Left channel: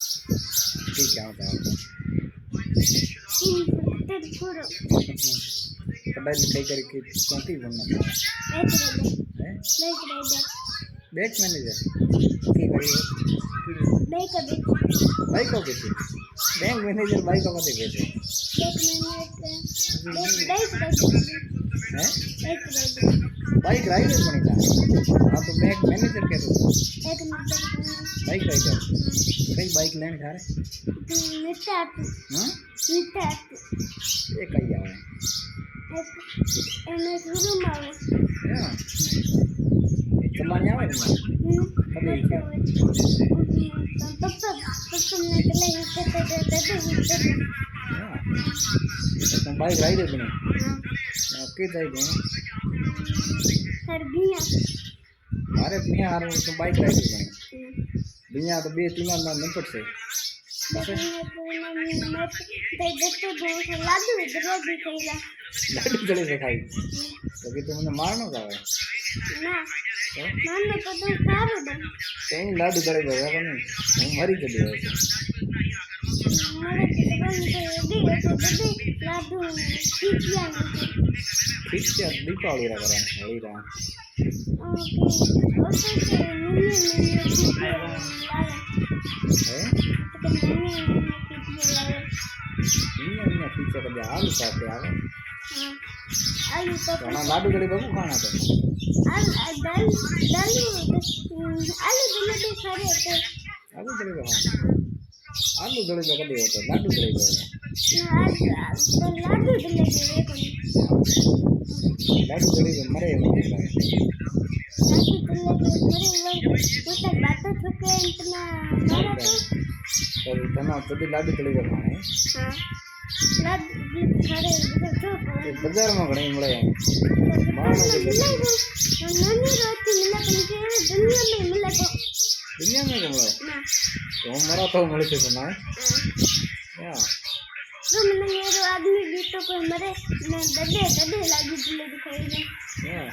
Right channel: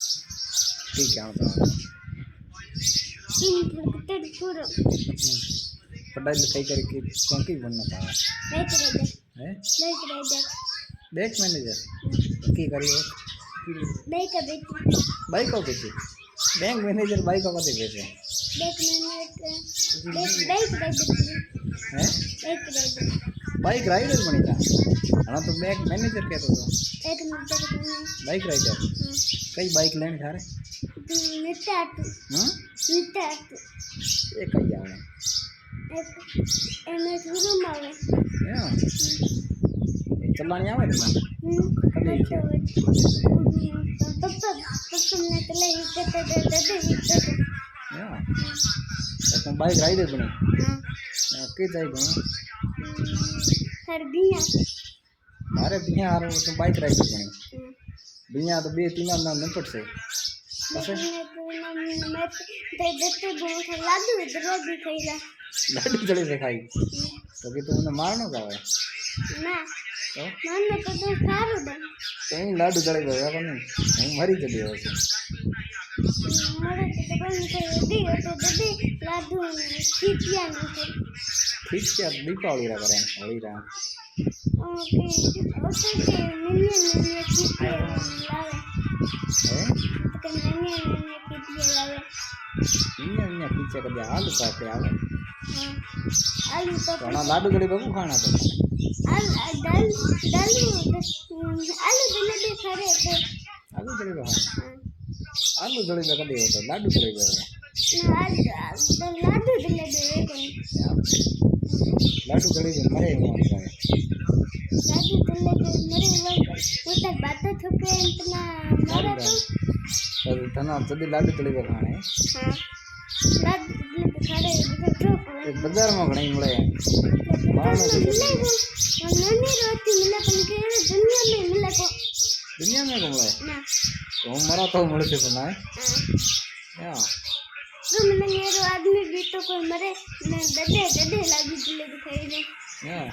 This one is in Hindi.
ठीक है बताओ। तेरे पूरा पढ़ाई लिखाई करके चौकी बनना चाहता है बैंक मैनेजर की करिए बाइक को कैसे बैंक मैनेजर बाइक को कैसे पैसे हैं बाइक राइडर बनी था। हाँ तो बैंक मैनेजर क्या तो बाइक राइडर कई बाइक लेने खा रहे हाँ ये कई आ रहे हाँ चलाने आवे तुम्हारे कभी हाँ तो तुम बाइक राइडर बने आपके जाए गए अरे बिया आ रहे तुम बाइक राइडर बने बिया तो बे तीन ना निपट से लाडू जड़े से खाई तो कि तुमने मारनो का है कहीं लाडू जड़े गया का नहीं हम मरी चली वैसे ठीक है दीपावली रा करें होली रा है इन्हें पीछे कभी आलू पापे आवे तो ना लाडू जड़े बबू खाना तो आलू जड़े बबू आलू जड़े बबू कभी होता लाडू जड़े बबू लाडू जड़े बबू मरे तो तना जल्दी लाडू जड़े बबू खाने बाजार में घणे મળે दुनिया में મળે तो मरा तो મળે છે તો ના યા आदमी भी तो कोई मरे दडे लागी जलेबी खाई યા